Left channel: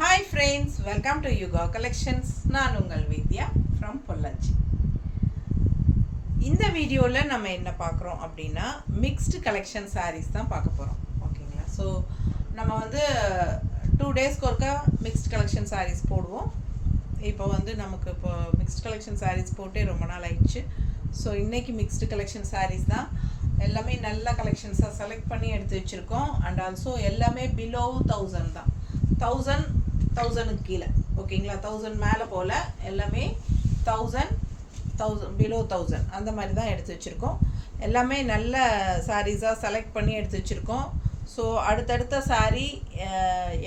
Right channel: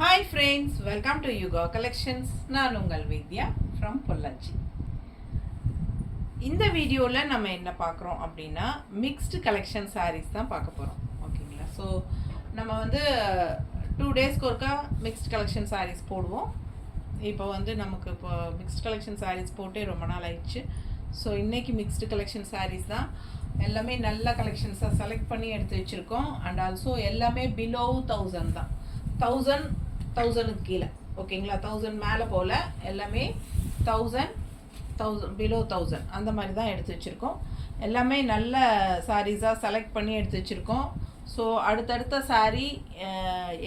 Hi friends, welcome to Yuga Collections. நான் உங்கள் வித்யா from Pollachi. இந்த வீடியோவில் நம்ம என்ன பார்க்குறோம் அப்படின்னா மிக்ஸ்டு கலெக்ஷன் சாரீஸ் தான் பார்க்க போகிறோம். ஓகேங்களா? ஸோ நம்ம வந்து 2 டேஸ்க்கு ஒருக்கா மிக்ஸ்டு கலெக்ஷன் சாரீஸ் போடுவோம். இப்போ வந்து நமக்கு இப்போ மிக்ஸ்டு கலெக்ஷன் சாரீஸ் போட்டே ரொம்ப நாள் ஆயிடுச்சு. ஸோ இன்றைக்கி மிக்ஸ்டு கலெக்ஷன் சாரீஸ் தான் எல்லாமே நல்ல கலெக்ஷன்ஸாக செலக்ட் பண்ணி எடுத்து வச்சுருக்கோம். அண்ட் ஆல்சோ எல்லாமே பிலோ 1000 தான். 1000க்கு கீழே. ஓகேங்களா? 1000 மேலே போல் எல்லாமே 1000 பிலோ 1000 அந்த மாதிரி தான் எடுத்து வச்சுருக்கோம். எல்லாமே நல்ல சாரீஸாக செலக்ட் பண்ணி எடுத்து வச்சுருக்கோம். ஸோ அடுத்தடுத்த சாரீ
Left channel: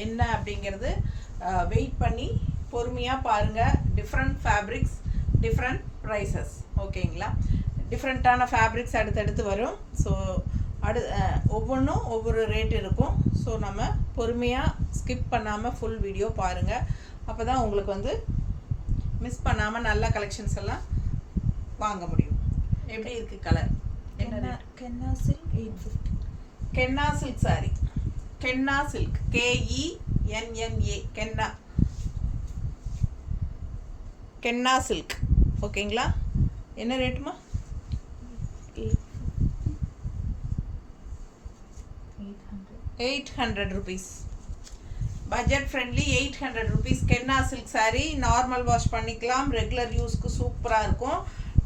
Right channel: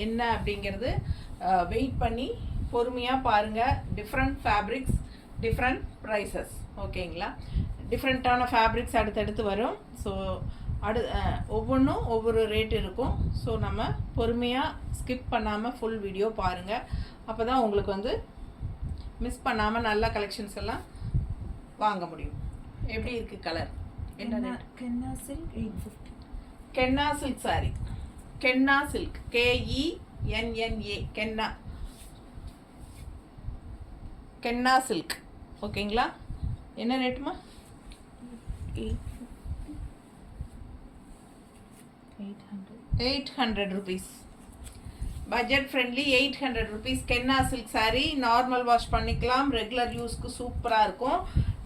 என்ன அப்படிங்கிறது வெயிட் பண்ணி பொறுமையாக பாருங்கள். Different fabrics, different prices. ஓகேங்களா? டிஃப்ரெண்ட்டான ஃபேப்ரிக்ஸ் அடுத்தடுத்து வரும். ஸோ ஒவ்வொன்றும் ஒவ்வொரு ரேட் இருக்கும். ஸோ நம்ம பொறுமையாக ஸ்கிப் பண்ணாமல் ஃபுல் வீடியோ பாருங்கள். அப்போ தான் உங்களுக்கு வந்து மிஸ் பண்ணாமல் நல்ல கலெக்ஷன்ஸ் எல்லாம் வாங்க முடியும். எப்படி இருக்குது கலர்? என்ன? கென்னா சில்க் 850. கென்னா சில்க் சாரி. கென்னா சில்க் KENNA கென்னா. கென்னா சில்க். ஓகேங்களா? என்ன ரேட்டுமா? 800 rupees. பட்ஜெட் ஃப்ரெண்ட்லி 800 rupees கென்னா சில்க் சாரீ. நார்மல் வாஷ் பண்ணிக்கலாம், ரெகுலர் யூஸ்க்கு சூப்பராக இருக்கும்.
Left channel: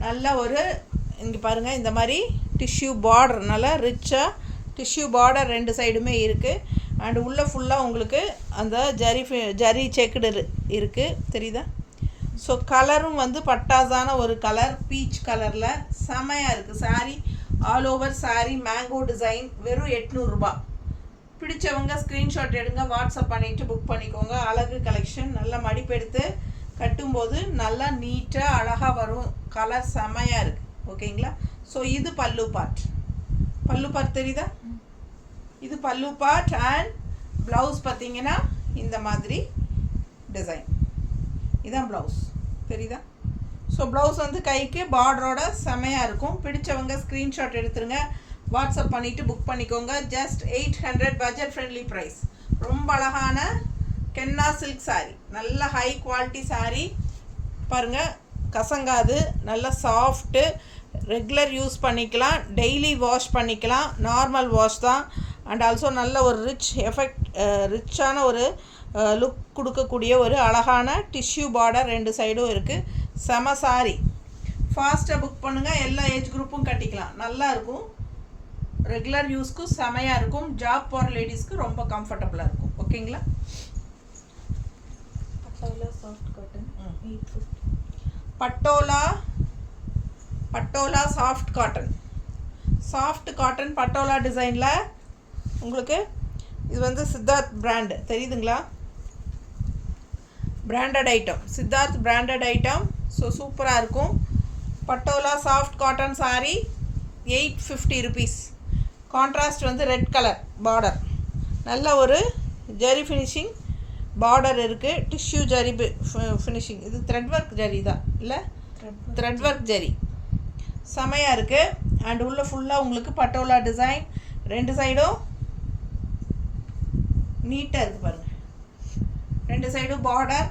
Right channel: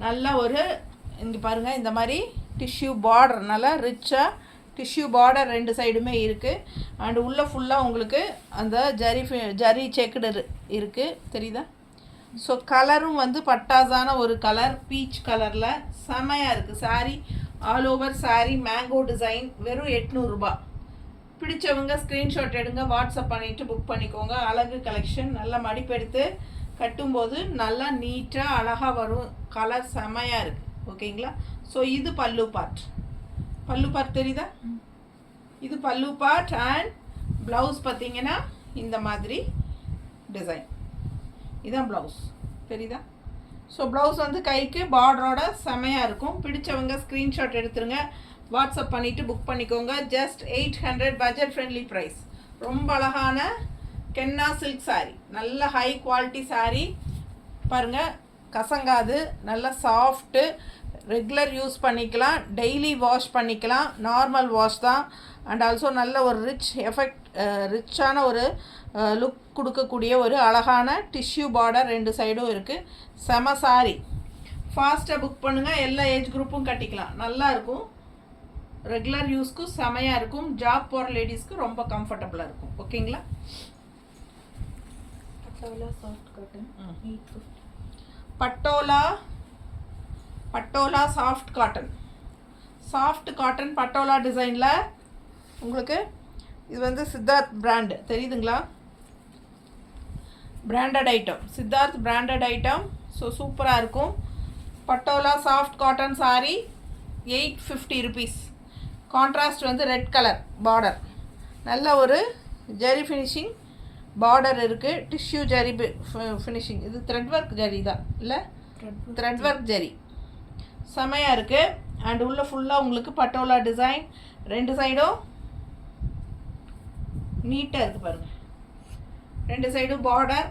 நல்ல ஒரு இங்கே பாருங்கள், இந்த மாதிரி டிஷ்யூ பார்டர், நல்லா ரிச்சாக டிஷ்யூ பார்டர் ரெண்டு சைடுமே இருக்குது. அண்ட் உள்ளே ஃபுல்லாக உங்களுக்கு அந்த ஜரி செக்குடு இருக்குது, தெரியுதா? ஸோ கலரும் வந்து பட்டாசான ஒரு கலர், பீச் கலரில் செமையாக இருக்குது sari. All over sari mango design. வெறும் 800 ரூபாய். பிடிச்சவங்க ஸ்க்ரீன்ஷாட் எடுங்க, வாட்ஸ்அப் பண்ணிவிட்டு புக் பண்ணிக்கோங்க. அழகு கலெக்ஷன். நல்லா மடிப்பெடுத்து கட்டும்போது நல்லா நீட்டாக அழகாக வரும். கலர் செமையாக இருக்குது. ஓகேங்களா? ஸோ இது பல்லு பார்ட். பல்லு பார்ட் தெரியுதா? இது பல்லு பார்ட். அண்ட் ப்ளவுஸ் பார்த்தீங்கன்னா இந்த மாதிரி டிசைன். இதான் ப்ளவுஸ், தெரியுதா? ஸோ ப்ளவுஸ் வந்து கைக்கு பார்டரோட செமையாக இருக்கும். பிடிச்சவங்க ஸ்க்ரீன்ஷாட் எடுத்துருங்க, வாட்ஸ்அப் பண்ணிவிட்டு புக் பண்ணிக்கோங்க. Just 800 budget friendly price. ரொம்ப அழகான கென்னா சில்க் சாரீ. நல்ல ஹை குவாலிட்டி சாரீ. பாருங்கள், கசங்காது, நல்ல சாஃப்ட்டு, ரெகுலர் யூஸ் பண்ணிக்கலாம், டெய்லி வாஷ் பண்ணிக்கலாம், நார்மல் வாஷ் தான். அண்ட் ஆல்சோ நல்ல ஒரு ரிச்சான ஒரு லுக் கொடுக்கக்கூடிய ஒரு அழகான டிஷ்யூ பார்டர் ரெண்டு சைடும் இருக்குது. செம சாரி. ஃபாஸ்ட்டாக புக் பண்ணுங்கள். எல்லா ஏஜ் குரூப்பும் கட்டிக்கலாம். நல்லா இருக்கும். ரெகுலர் யூஸ்க்கு செமையாக இருக்கும். ஜாப் போகிற லேடிஸ்க்கு ரொம்ப கம்ஃபர்டபுளாக இருக்கும். ஓகேங்களா? Patola soft cotton 850. Patola soft cotton. Soft cotton patola டிசைனில் உங்களுக்கு இது வந்து சித்தார்த் பிராண்டு, தெரியுதுங்களா? Branded item, Siddharth branded item. So சூப்பராக இருக்கும். Patola soft cotton sari 850 rupees. Contrast வந்து ரெட் கலர் பார்டர். நல்ல ஒரு ஜரி ஃபினிஷிங் பார்டர் இருக்குது. Tissue zari finishing. இது த்ரெட் ஒர்க் ஜரி தான், இல்லை? த்ரெட் ஒர்க் ஜரி செமையாக இருக்குது. அண்ட் உள்ள ஃபுல்லாக உங்களுக்கு பட்டோலா டிசைன். ரெண்டு சைடும் நீட்டாக இருக்குது பாருங்கள். ரெண்டு சைடும் பார்டர்.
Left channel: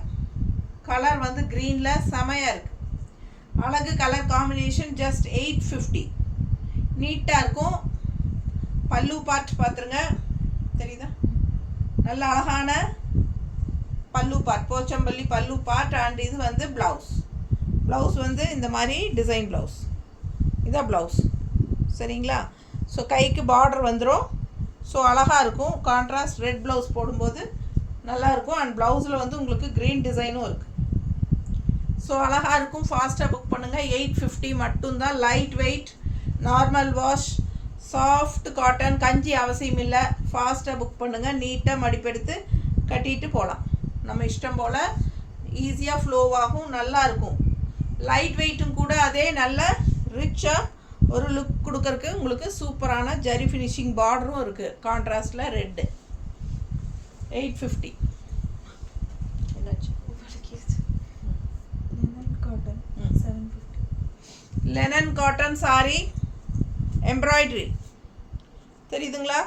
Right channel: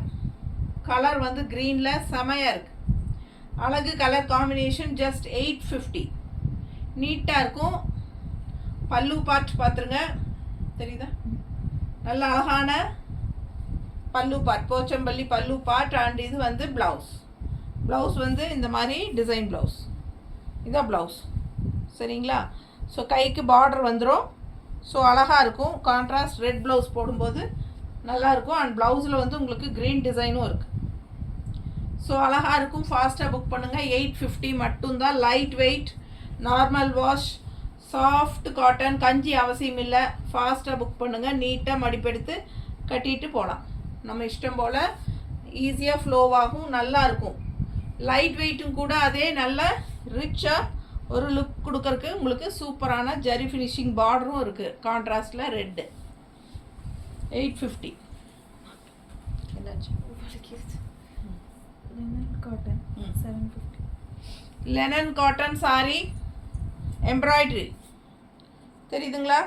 கலர் வந்து க்ரீனில் செமையாக இருக்குது. அழகு கலர் காம்பினேஷன். ஜஸ்ட் 850. நீட்டாக இருக்கும். பல்லு பார்ட் பார்த்துருங்க, தெரியுதா? நல்ல அழகான பல்லு பார்ட், போச்சம்பள்ளி பல்லு பார்ட். அண்ட் இது வந்து ப்ளவுஸ் வந்து இந்த மாதிரி டிசைன் ப்ளவுஸ். இதான் ப்ளவுஸ், சரிங்களா? ஸோ கைக்கு பார்டர் வந்துடும். ஸோ அழகாக இருக்கும். கான்ட்ராஸ்ட் ரெட் ப்ளவுஸ் போடும்போது நல்லாயிருக்கும். அண்ட் ப்ளவுஸில் வந்து உங்களுக்கு க்ரீன் டிசைனும் இருக்குது. ஸோ அழகாக இருக்கும். ஃபாஸ்ட்டாக புக் பண்ணுங்கள். 850 மட்டும்தான். Light weight, normal wash, soft cotton. கஞ்சி அவசியம் இல்லை. ஃபாஸ்ட்டாக புக் பண்ணுங்கள். நீட்டாக மடிப்பெடுத்து கட்டிட்டு போகலாம். நம்ம இஷ்டம் போல் ஈஸியாக ஃப்ளோவாகும். நல்லாயிருக்கும். லைட் வெயிட்டும் கூட. அதே நல்ல ரிச்சாக ஒரு லுக் கொடுக்கறக்கு உங்களுக்கு சூப்பரான ஜரி ஃபினிஷிங் பார்டரும் இருக்குது. கான்ட்ராஸ்டில் ரெட்டு. 850. என்னாச்சு? Linen cotton 750. Linen cotton sorry embroidery, தெரியுதுங்களா?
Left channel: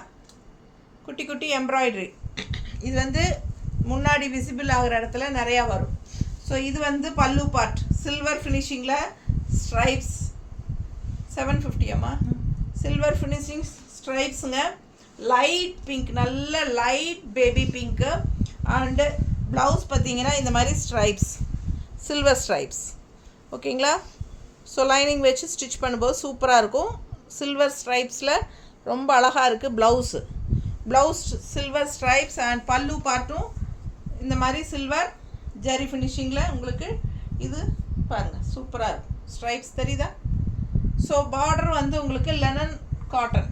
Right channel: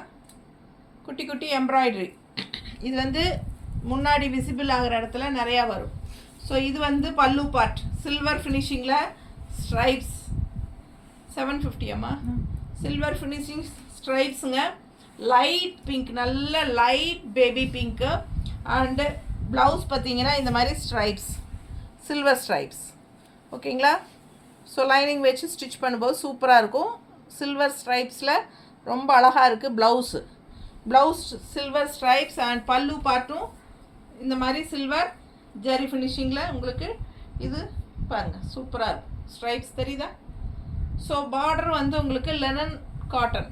குட்டி குட்டி எம்ப்ராய்டரி. இது வந்து முன்னாடி விசிபிள் ஆகிற இடத்துல நிறையா வரும். ஸோ இது வந்து பல்லு பார்ட் சில்வர் ஃபினிஷிங்கில் ஸ்ட்ரைப்ஸ் 750 அம்மா. சில்வர் ஃபினிஷிங் ஸ்ட்ரைப்ஸுங்க. லைட் பிங்க், நல்ல light baby pink. And blouse பார்த்தீங்கன்னா இந்த மாதிரி ஸ்ட்ரைப்ஸ், சில்வர் ஸ்ட்ரைப்ஸ். ஓகேங்களா? ஸோ லைனிங் வச்சு ஸ்டிச் பண்ணும்போது சூப்பராக இருக்கும். சில்வர் ஸ்ட்ரைப்ஸில் ரொம்ப அழகாக இருக்குது blouse. Blouse silver stripes and பல்லு பார்ட்டும் இந்த மாதிரி சில்வர் ஜெரி ஃபினிஷிங்கில் உங்களுக்கு இது பாருங்கள் சூப்பராக இருக்கும். ஸ்ட்ரைப்ஸ் தெரியுதா? ஸோ பார்டர் வந்து உங்களுக்கு லெனன் காட்டன்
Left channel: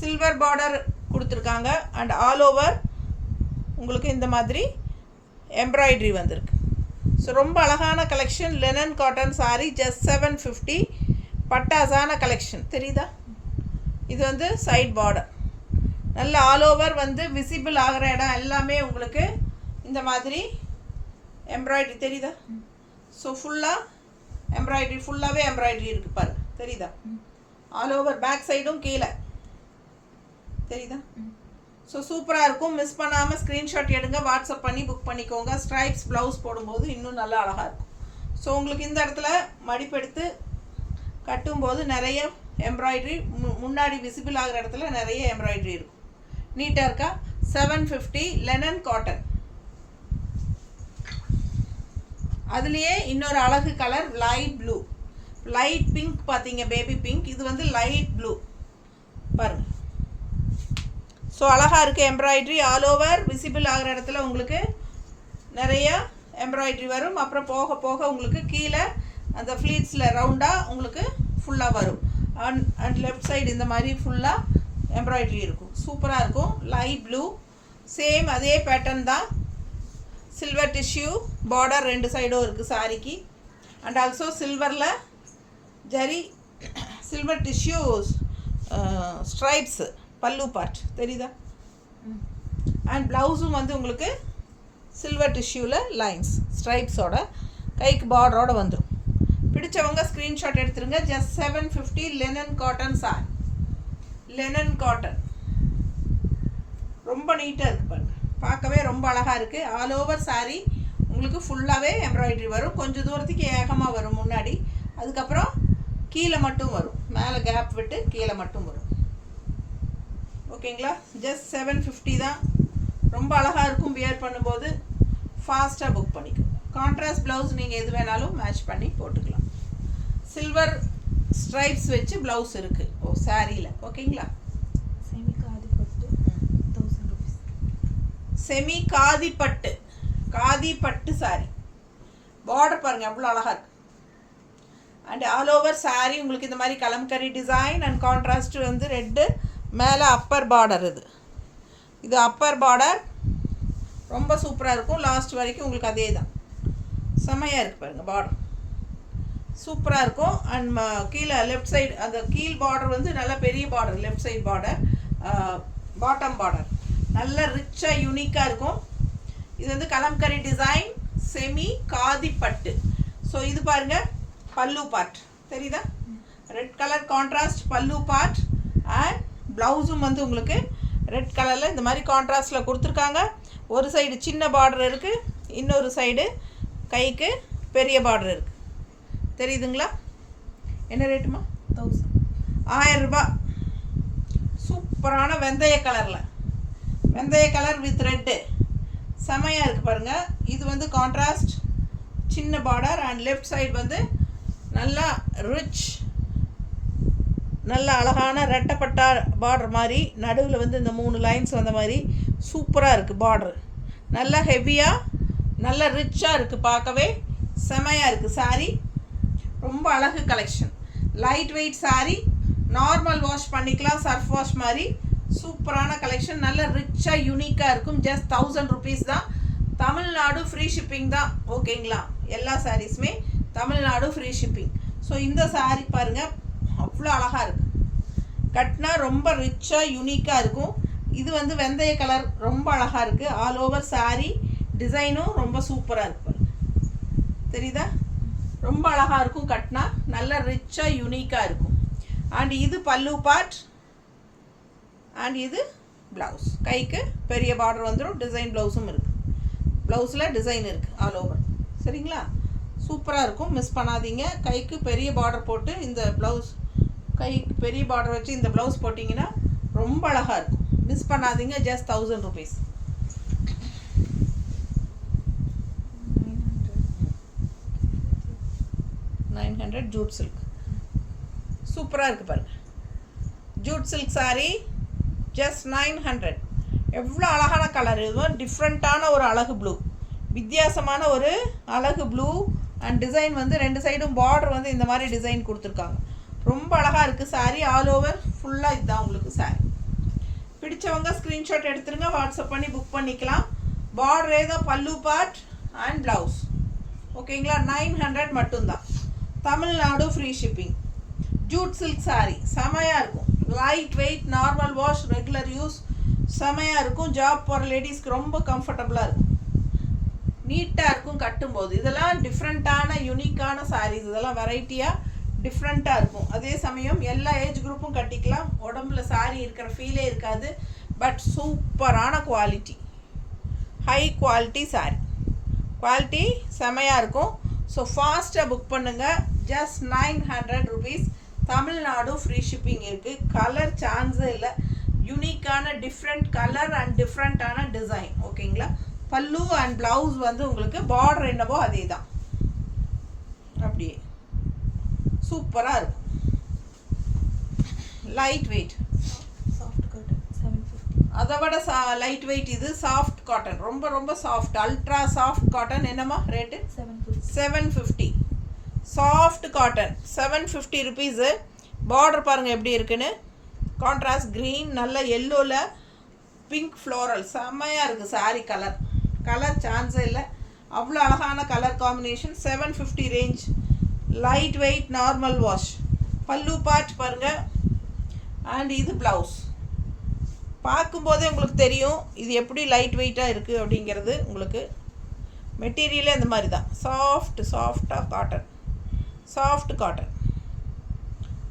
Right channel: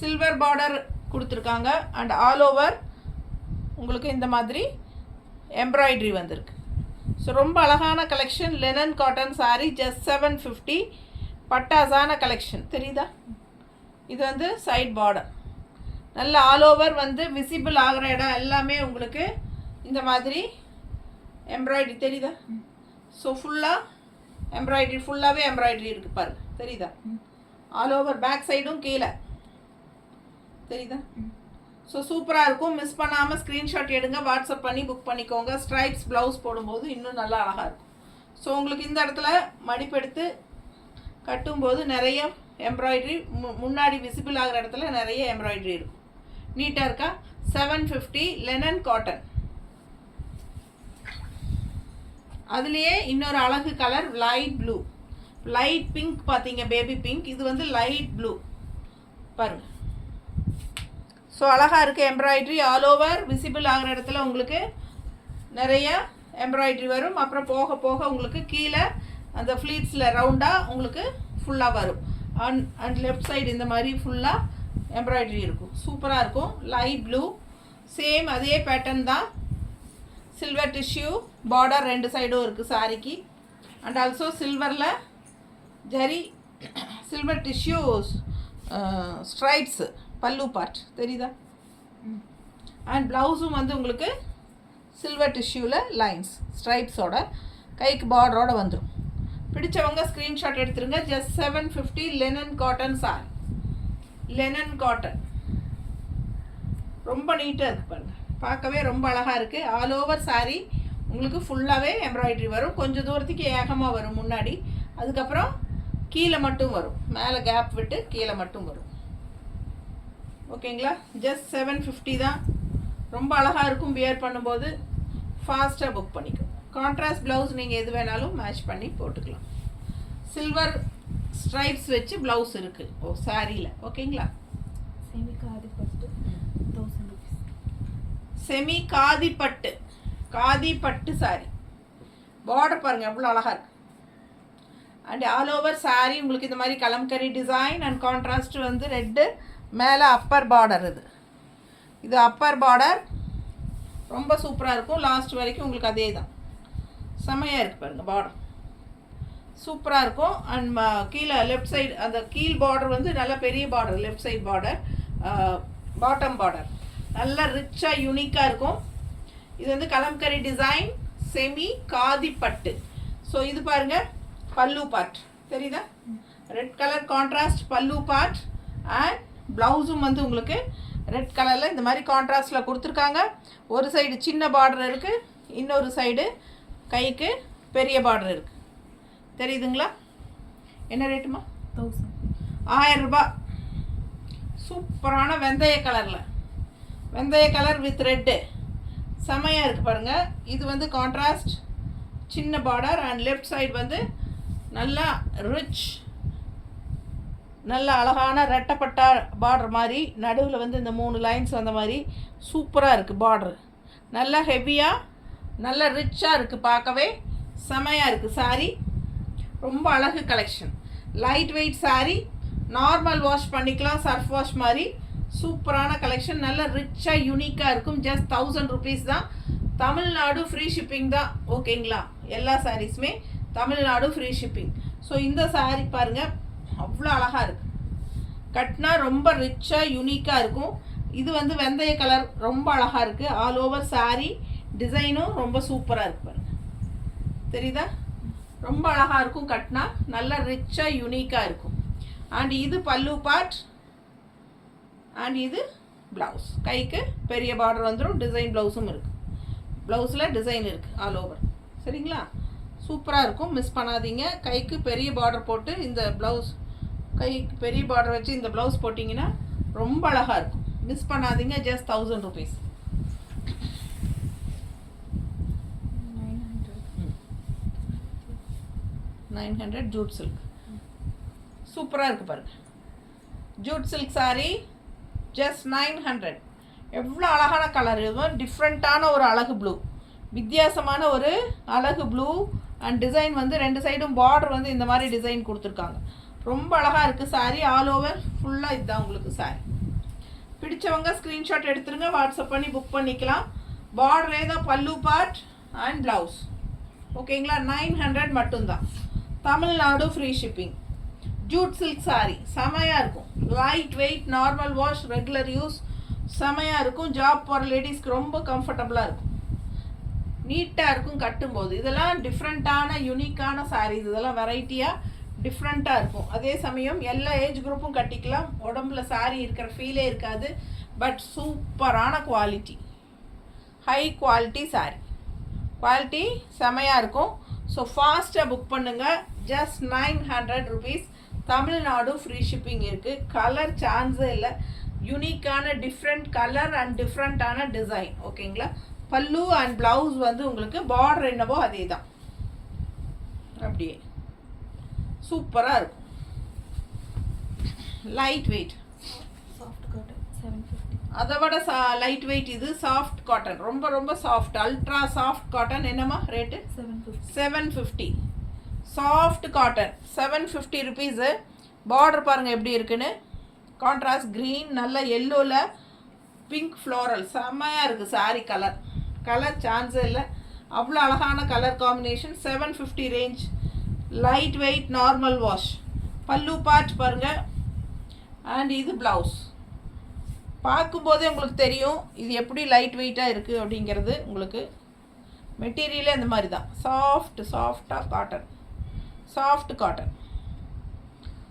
சில்வர் பார்டர் கொடுத்துருக்காங்க. அண்ட் ஆல் ஓவர் உங்களுக்கு இந்த மாதிரி எம்ப்ராய்ட்ரி வந்திருக்கு. ஸோ ரொம்ப அழகான collection. Linen cotton sari just 750. பட்டாசான கலெக்ஷன் தெரியுதா? இது வந்து சைட் பார்டர். நல்ல ஆல் ஓவர் வந்து விசிபிள் ஆகிற இடம் எல்லாமே உங்களுக்கு இந்த மாதிரி எம்ப்ராய்ட்ரி தெரியுதா? ஸோ ஃபுல்லாக எம்ப்ராய்ட்ரி, ஃபுல்லாகவே எம்ப்ராய்ட்ரி இருக்குது பாருங்கள் தெரியுதா? ஆல் ஓவர் பேக் சைடும் கீழே தெரியுதா? ஸோ சூப்பராக இருக்கும். மிஸ் பண்ணாமல் ஸ்க்ரீன்ஷாட் எடுங்க, வாட்ஸ்அப் பண்ணி புக் பண்ணிக்கோங்க. ஸ்ட்ரைப்ஸ் ப்ளவுஸ் போடும்போது இன்னும் நல்லா அழகாக இருக்கும். ஸோ உங்களுக்கு இந்த இடத்துல மடிப்பெடுத்து கட்டும்போது நிறைய எம்ப்ராய்ட்ரி முன்னாடி விசிபிள் ஆகிற இடத்துல நிறைய எம்ப்ராய்ட்ரி இருக்கும். நீட்டாக இருக்கா? 750 லெனன் காட்டன். அதுலேயே இன்னொரு அழகு colour light blue, light pink பார்த்தீங்க, பேபி பிங்க். இது வந்து லைட் ப்ளூ பாருங்கள். ஸோ அழகாக இருக்குது எம்ப்ராய்ட்ரி. ஆல் ஓவர் விசிபிள் ஆகிற இடத்துல உங்களுக்கு நிறைய எம்ப்ராய்ட்ரி வரும். அப்புறம் போக போக உங்களுக்கு கீழே அந்த ஃப்ளீட்ஸில் ரவுண்டாக உங்களுக்கு ஃபுல்லாக வரும். அண்ட் லெஃப்ட் சைடு இந்த மாதிரி ஃபுல்லாக எம்ப்ராய்ட்ரி இருக்கும். சூப்பராக இருக்கும். லைட் ப்ளூ சேம் அதே பேட்டர்ன் தான். சில்வர் டிஷ்யூ பார்டர் ரெண்டு சைடும் இருக்குது சாரிக்கு. அண்ட் ஆல்சோ சில்வரில் ஜரி சில்வர் டிஷ்யூ ஸ்ட்ரைப்ஸு பல்லு பார்ட் தெரியுதா? அண்ட் ப்ளவுஸும் வந்து உங்களுக்கு சில்வர் டிஷ்யூவில் லைன்ஸ் ஸ்ட்ரைப்ஸோட கைக்கு பார்டரோடு வந்துடும். பிடிச்சவங்க ஸ்க்ரீன்ஷாட் எடுத்துருங்க. Just 750 linen cotton sorry. Linen cotton ரொம்ப நீட்டாக இருக்குது பாருங்கள், பார்க்கவே ரொம்ப அழகாக இருக்குது. ஆல் ஓவர் சாரீ உங்களுக்கு ஃபுல்லாகவே எம்ப்ராய்ட்ரி வரும். கொஞ்சம் தூரத்துக்கு ஏகமாக வரும் முன்னாடி, அதுக்கப்புறம் கீழே மட்டும் வரும், மேலே கேப் விட்டு கீழே மட்டும் வரும். ஓகேங்களா? ஜஸ்ட் 750 தான். ரொம்ப அழகாக இருக்கும். வியர் பண்ணும்போது ஃபாஸ்ட்டாக புக் பண்ணிக்கோங்க. கான்ட்ராஸ்ட் ப்ளவுஸ் நீங்கள் எது வேணாலும் மேட்ச் பண்ணி போட்டுக்கலாம். சில்வர் ஸ்ட்ரைப்ஸ் வச்சு ப்ளவுஸ் இருக்குது சாரியில். ஓகேங்களா? செமி காதிப்பட்டு 1000 rupees. செமி காதிப்பட்டு, காதிப்பட்டு சாரி. பார்டர் பாருங்கள் எவ்வளோ அழகாக இருக்குது. அண்ட் ஆல் ஓவர் சாரி உங்களுக்கு இந்த மாதிரி கலம்கரி டிசைன் அண்ட் கான்ட்ராஸ்ட் வந்து ரெட்டு. மேலே அப்பர் பார்டர். இது அப்பர் பார்டர் ரொம்ப சூப்பராக இருக்கும். லாஸ்ட் வரைக்கும் உங்களுக்கு அதே தான். செம்மையாக இருக்குது பாருங்கள் பார்டர், சூப்பராக இருக்கும். அண்ட் கீழே லெஃப்ட் சைடு அந்த கீழ் பார்டர் வந்து நல்ல பெரிய border. Left side border, bottom border நல்ல ரிச்சாக யூனிக்காக இருக்கும். இது வந்து கலம்கரி டிசைன் செமி காதிப்பட்டு. ஸோ இது பாருங்கள் பல்லு பார்ட் தெரியுதா? ரெட் கலர் கான்ட்ராஸ்ட் பல்லு பார்ட். அண்ட் ப்ளவுஸும் வந்து உங்களுக்கு ரெட் கலரில் இந்த மாதிரி கான்ட்ராஸ்டில் கொடுத்துருக்காங்க. ஒரு சைடு சின்ன பார்டர் இருக்குது, இன்னொரு சைடு கைக்கு பெரிய பார்டர் இருக்குது. தெரியுதுங்களா? என்ன ரேட்டுமா? 1000. 1000 ரூபாய். சூப்பரான வெந்தய கலரில், வெந்தய கலர் வித் ரெட்டு செமையாக இருக்குது பாருங்கள். இது வந்து கான்ட்ராஸ்ட் சின்ன பார்டர். அண்ட் லெஃப்ட் சைடு வந்து நல்லா ரிச், நல்ல அழகான ரெட்டப்பட்டா பார்டர் மாதிரி. நடுவில் வந்து இந்த 3 லைன்ஸ் வந்த மாதிரி சூப்பராக இருக்குது பார்டர். நல்லா ஹெவியாக நல்ல ரிச்சாக இருக்குது, பார்க்கவே செமையாக இருக்குது சாரீ. ரொம்ப அழகு collection. Light weight sari, normal wash பண்ணிக்கலாம், சர்ஃப் வாஷ் மாதிரி. சூப்பரான கலெக்ஷன், நல்ல ரிச்சாக யூனிக்காக இருக்கும். ஜஸ்ட் 1000 rupees தான். தமிழ்நாடு ஃப்ரீ ஷிப்பிங் தான். ஓகேங்களா? எல்லா சாரீஸுமே தமிழ்நாடு ஃப்ரீ ஷிப்பிங். ஸோ இந்த சாரீ பாருங்கள் அவ்வளோ அழகாக இருக்குது. கட்னா ரொம்ப ரிச்சாக யூனிக்காக இருக்கும். இது வந்து வெந்தய கலர் ரொம்ப அழகாக இருக்குது. ஆல் ஓவர் சாரீ டிசைனும் ரொம்ப சூப்பராக இருக்குது பாருங்கள். தெரியுதா? ரொம்ப அழகாக இருக்கும். கட்னா நல்ல ரிச்சாக யூனிக்காக இருக்கும். அண்ட் இது பல்லு பார்ட் அண்ட் இது ப்ளவுஸ். கைக்கு பெரிய பார்டர் வந்துடும், டிசைன் ப்ளவுஸும் இருக்குது. ப்ளவுஸில் டிசைன் இருக்குது ஆல் ஓவர். சரிங்களா? சூப்பராக இருக்கும், மிஸ் பண்ணாதீங்க. கைக்கு பெரிய பார்டர் போட்டு இந்த ப்ளவுஸ், கைக்கு பெரிய பார்டர் வச்சு இந்த ப்ளவுஸ் போட்டிங்கன்னா ரொம்ப அழகாக இருக்கும். மிஸ் பண்ணாதீங்க. Just 1000 rupees. 900 Jude silk. சூப்பராக இருக்குது பாருங்கள். Jude silk saree just 900. எவ்வளோ அழகான கலர்! இது டிஃப்ரெண்ட்டான ஒரு அழகு ப்ளூ, வித்தியாசமான ஒரு அழகு ப்ளூ. அண்ட் டிசைன் வந்து 2 சைடும் பார்டர் வந்து இந்த மாதிரி டிசைன் கொடுத்துருக்காங்க. ரொம்ப அழகாக இருக்குது saree. ஆல் ஓவர் ஃபுல்லாக இதுதான் உங்களுக்கு saree. பிடிச்சவங்க ஸ்க்ரீன்ஷாட் எடுத்துருங்க, வாட்ஸ்அப் பண்ணி புக் பண்ணிக்கலாம். பார்டரே தான் பல்லு பார்ட் அண்ட் ப்ளவுஸ். ஓகேங்களா? 900 மட்டும்தான். Tamil Nadu free shipping. Jude silk saree செமையாக இருக்கும். Light weight, normal wash, regular use, செமையாக இருக்கும். ஜாப் போகிற லேடிஸ்க்கு ரொம்ப கம்ஃபர்டபுளாக இருக்கும், நீட்டாக இருக்கும் கட்டும்போது. இதெல்லாம் டிஃப்ரெண்ட்டான யூனிக்கான sarees. இதெல்லாம் வெரைட்டியாக டிஃப்ரெண்ட்டாக இருக்கும். அதே சமயம் எல்லா ஏஜ் குரூப்பும் கட்டிக்கலாம். உடம்புல saree இருக்கிற ஃபீலே இருக்காது. பட் சூப்பரான quality, high quality saree. Quality செமையாக இருக்கும். ஸோ ஃபாஸ்ட்டாக புக் பண்ணுங்கள். Just 900 rupees. Tamil Nadu free shipping இருக்குது. கலர் சான்ஸே இல்லை. யூனிக்கான டிஃப்ரெண்ட் கலர் அண்ட் டிஃப்ரெண்ட்டான டிசைன். ஓகேங்களா? பல்லு அண்ட் ப்ளவுஸ் வந்து உங்களுக்கு பார்டர் என்னவோ அதே தான், அப்படியே சூப்பராக இருக்கும். Light weight, soft cotton 750. அதை விட லைட் வெயிட் இது சாஃப்ட் காட்டன். ரொம்ப ரொம்ப சாஃப்ட், அல்ட்ரா சாஃப்ட் காட்டன். என்னம்மா rate? 750. Soft cotton 750 rupees. Border பாருங்கள் எப்படி இருக்குன்னு. கான்ட்ராஸ்ட் க்ரீன், நல்ல எல்லோவில் பிங்க் ஃப்ளோரல். செம்மையாக இருக்குது saree கலர். கலர் சான்ஸே இல்லை, அவ்வளோ அழகான colour combination. 750 range. Light weight, normal wash. பல்லு பார்ட் பாருங்கள். அண்ட் இது ப்ளவுஸ். பார்க்கும்போதே உங்களுக்கு தெரியும் இது எப்படி லைட் வெயிட்டாக இருக்குது அப்படிங்கிறது. உங்களுக்கு மெட்டீரியலே இந்த மாதிரி தான், சாஃப்டாக காட்டன், சாஃப்ட் காட்டன்.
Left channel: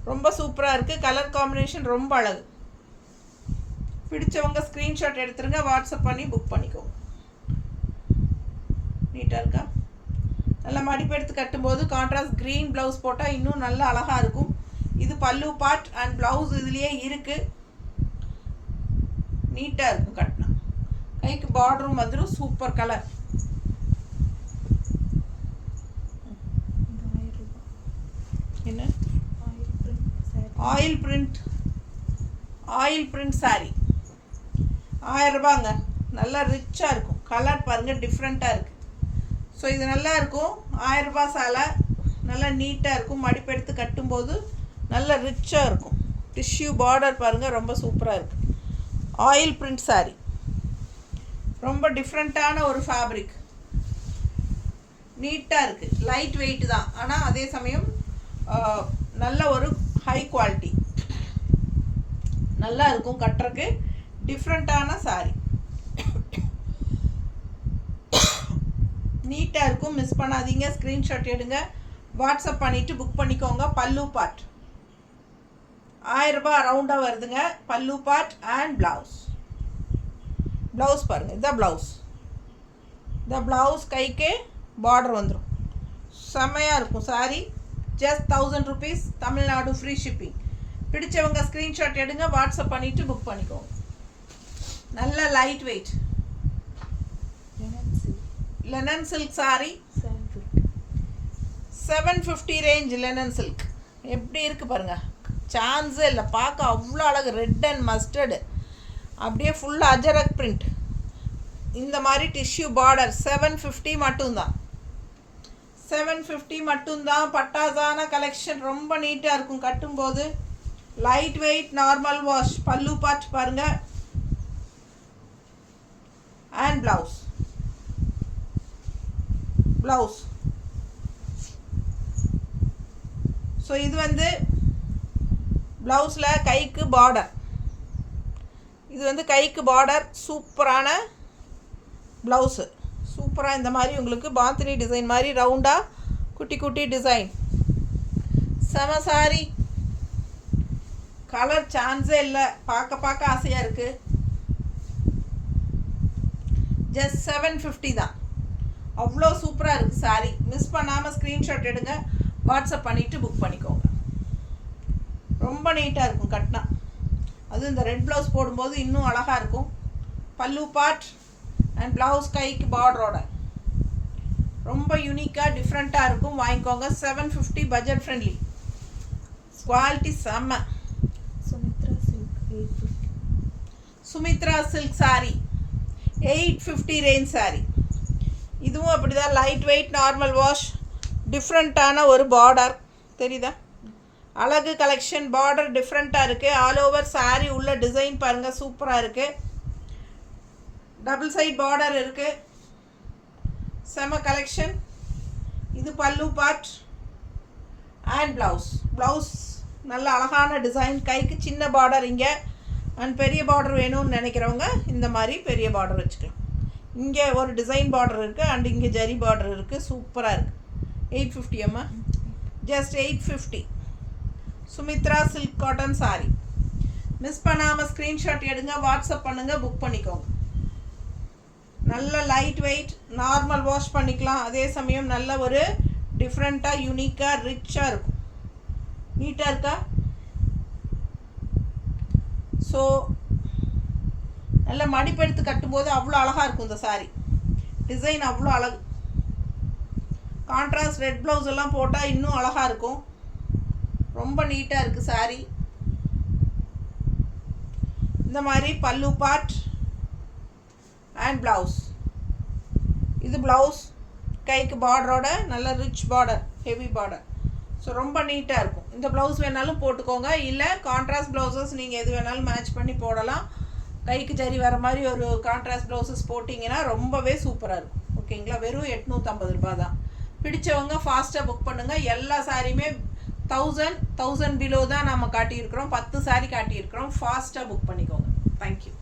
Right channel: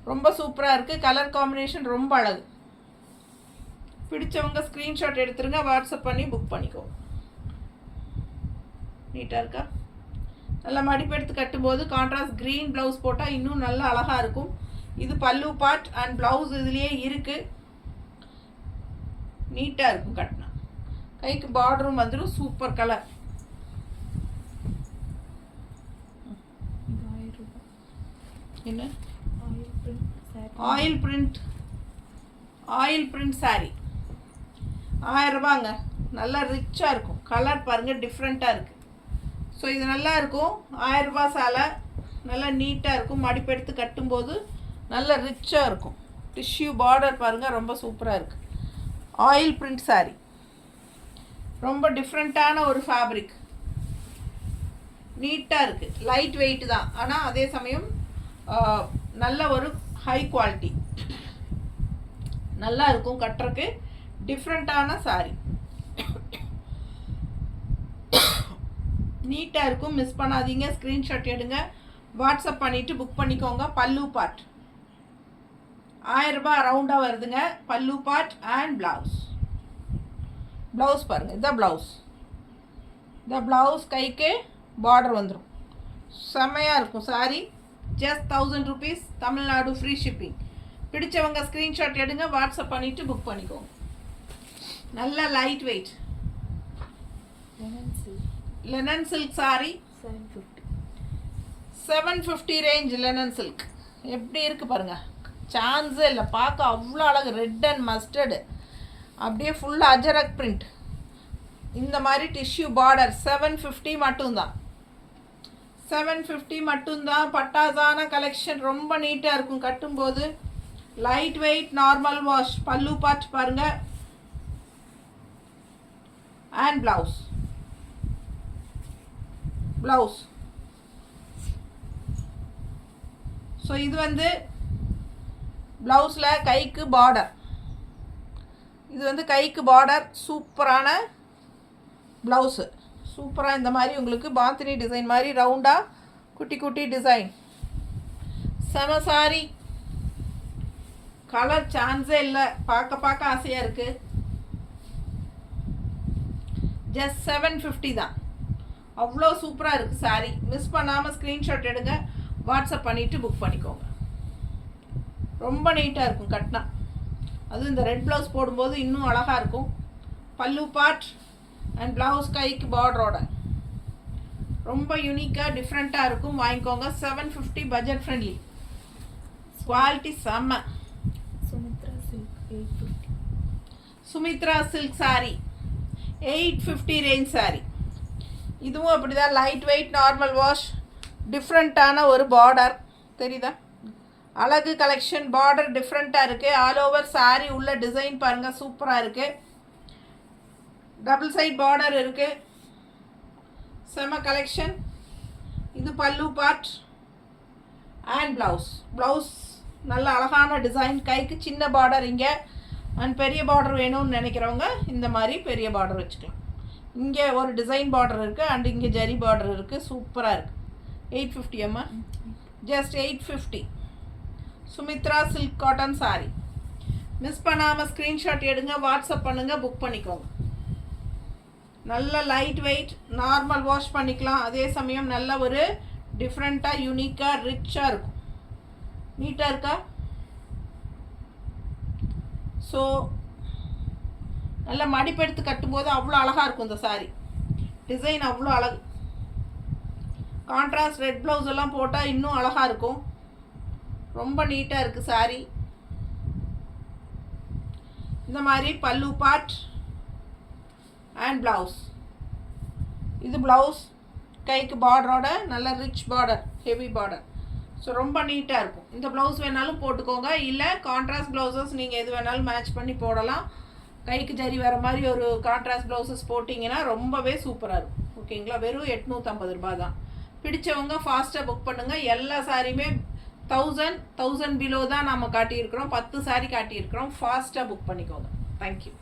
ரொம்ப சூப்பராக இருக்குது. கலர் காம்பினேஷன் ரொம்ப அழகு. பிடிச்சவங்க ஸ்க்ரீன்ஷாட் எடுத்துருங்க, வாட்ஸ்அப் பண்ணி புக் பண்ணிக்கோங்க. நீட்டாக இருக்கா? நல்லா மடிப்பெடுத்து கட்டும்போது கான்ட்ராஸ்ட் க்ரீன் ப்ளவுஸ் போட்டால் இன்னும் நல்லா அழகாக இருக்கும். இது பல்லு பார்ட் அண்ட் ப்ளவுஸ் இதுலேயே இருக்குது. நீட்டாக இருக்கும் கட்டினா. கைக்கு பார்டரும் வந்துடும். Super colour. என்ன? ஆயில் பிரிண்ட் saree 1000 ரூபாங்க. நல்லா ரிச்சாக இருக்கும். கலர் பாருங்கள் டிஃப்ரெண்ட்டாக இருக்குது. ஸோ இது நல்லா இருக்கும். 1000 ரூபாய் சேலை நல்லா நீட்டாக இருக்கும். மடிப்பெடுத்து கட்டும்போது நல்லா ரிச்சாக இருக்கும். டிஷ்யூ பார்டர் பாருங்கள், ரொம்ப சூப்பராக இருக்குது. ஆயில் பிரிண்ட் saree ரொம்ப டிஃப்ரெண்ட்டான ஒரு ஃபேப்ரிக். நீட்டாக இருக்குது. லைட் வெயிட் தான், ஆனால் அதே சமயம் நல்ல ஒரு ஹை குவாலிட்டி. நல்லா இருக்கும் கட்டுறக்கு. டிஃப்ரெண்ட்டான saree. நீட்டாக இருக்கும், மிஸ் பண்ணாதீங்க. ஸ்க்ரீன்ஷாட் எடுங்க, வாட்ஸ்அப் பண்ணிவிட்டு புக் பண்ணிக்கோங்க. பல்லு பார்ட் 1000 ரூபாய் ரவுண்டாக வருதுங்க. பல்லு பார்ட் அண்ட் ப்ளவுஸ். ப்ளவுஸ் பாருங்கள், இதுதான் ப்ளவுஸ். இந்த ப்ளவுஸ் கைக்கே பார்டர் வந்துடும். செம்மையாக இருக்கும் saree. Just 1000 rupees. Tamil Nadu free shipping. பிடிச்சவங்க ஸ்க்ரீன்ஷாட் எடுங்க, வாட்ஸ்அப் பண்ணிவிட்டு புக் பண்ணிக்கோங்க. நல்ல light weight linen silk saree 750 range. Linen silk எப்படி இருக்குது பாருங்கள், சான்ஸே இல்லை. பார்க்க அவ்வளோ அழகு. ரெட் அண்ட் மஸ்டர்டு, அப்படியே ஃபுல்லாக அஜரக் பிரிண்ட். இந்த மாதிரி டிஷ்யூ பார்டர். 750 மட்டும்தான். 750 மட்டும்தான். பட்டாசான கலெக்ஷன். ரொம்ப நீட்டாக இருக்கும் கட்டும்போது. Light weight, normal wash. பல்லு பார்ட் பாருங்கள் அண்ட் ப்ளவுஸ். ஸோ இது வந்து ப்ளவுஸில் கைக்கு பார்டர். இது வந்து கைக்கு பார்டர். சூப்பரான ப்ளவுஸு. சூப்பராக இந்த மாதிரி உங்களுக்கு பாந்தினி டிசைன் மாதிரி ரவுண்டாக குட்டி குட்டி டிசைன். செம saree. கலர் சான்ஸே இல்லை. பார்க்க ஆசையாக இருக்குது. ஜஸ்ட் 750 தான். அவ்வளோ சூப்பராக இருக்குது சாரீ. மிஸ் பண்ணாமல் ஸ்க்ரீன்ஷாட் எடுங்க, வாட்ஸ்அப் பண்ணிவிட்டு புக் பண்ணிக்கோங்க. ரொம்ப நீட்டாக இருக்கும் கட்டினா. அதுவும் இந்த ரெட் ப்ளவுஸ் போடும்போது இன்னும் அழகாக இருக்கும். பல்லு பார்ட் அண்ட் ப்ளவுஸ் கைக்கு பார்டரோட ரொம்ப யூனிக்காக டிஃப்ரெண்ட்டாக இருக்கும். வாங்கிக்கோங்க. 750 பட்ஜெட் ஃப்ரெண்ட்லி. குவாலிட்டி செம்ம. Sumitra silk 850. Sumitra silk sari 850 range sari. இதுவும் அப்படி தான், லைட் வெயிட், நார்மல் வாஷ், டிஃப்ரெண்ட்டான ஒரு பார்டர் தெரியுதா? அழகு கலெக்ஷன். பார்டர் டிஃப்ரெண்ட்டாக இருக்குது. ஆல் ஓவர் சாரீ உள்ள டிசைன் பாருங்கள், சூப்பராக இருக்குது. டபுள் சைட் பார்டர் இருக்குது. செம கலெக்ஷன். இது பல்லு பார்ட் அண்ட் ப்ளவுஸ் நல்ல அழகான டிசைன். கைக்கு சின்ன பார்டர் இங்கே அண்ட் பெரிய பார்டர் வேணும்னு நினைக்கிறவங்க இந்த மாதிரி பெரிய பார்டர் வச்சுக்கலாம். இங்கே ஒரு டிசைன் பார்டர் இருக்குது அண்ட் இங்கே ஜரி பார்டர் இருக்குது. சூப்பராக இருக்குது. 850 அம்மா, just 850. Sumitra silk cotton sari. Miss பண்ணாமல் ஸ்க்ரீன்ஷாட் எடுங்க, வாட்ஸ்அப் பண்ணுங்கள், புக் பண்ணிக்கோங்க. நல்ல லைட் வெயிட், நார்மல் வாஷ் பண்ணிக்கலாம். அதே சமயம் நல்ல ஒரு டிஃப்ரெண்ட்டாக யூனிக்காக ரிச்சாக இருக்கும். நீட்டாக இருக்கா? ஸோ நல்ல மடிப்பெடுத்து கட்டும்போது அவ்வளோ அழகாக இருக்கும் இந்த சாரீ. டிசைன் அவ்வளோ அழகு. கான்ட்ராஸ்ட் ரெட் ப்ளவுஸ் எல்லாம் போட்டால் இன்னும் அழகாக இருக்கும். ரொம்ப நீட்டாக இருக்குது சாரீ. இந்த மாதிரி பல்லு பார்ட் அண்ட் ப்ளவுஸ். இது ப்ளவுஸ் கைக்கு பார்டரோட நல்ல rich border, heavy border. So ரொம்ப நீட்டாக இருக்கும். இந்த ப்ளவுஸ் வேணாலும் போட்டுக்கோங்க, இல்லை கான்ட்ராஸ்ட் ப்ளவுசஸ் நீங்கள் எது வேணாலும் மேட்ச் பண்ணி போடலாம். கைக்கு ஜரி வர மாதிரி ஒரு கான்ட்ராஸ்ட் ப்ளவுசஸ் போட்டிங்கன்னா ரொம்பவே சூப்பராக இருக்கும். ஓகேங்களா? வெறும் 850 ரூபா தான். பிடிச்சவங்க ஃபாஸ்ட்டாக புக் பண்ணுங்கள். எல்லா சாரியுமே 1000 பிலோ தான் நம்ம காட்டியிருக்கிறோம். 10 சாரி காட்டியிருக்கிறோம். ஃபாஸ்ட்டாக புக் பண்ணிக்கோங்க. தேங்க்யூ.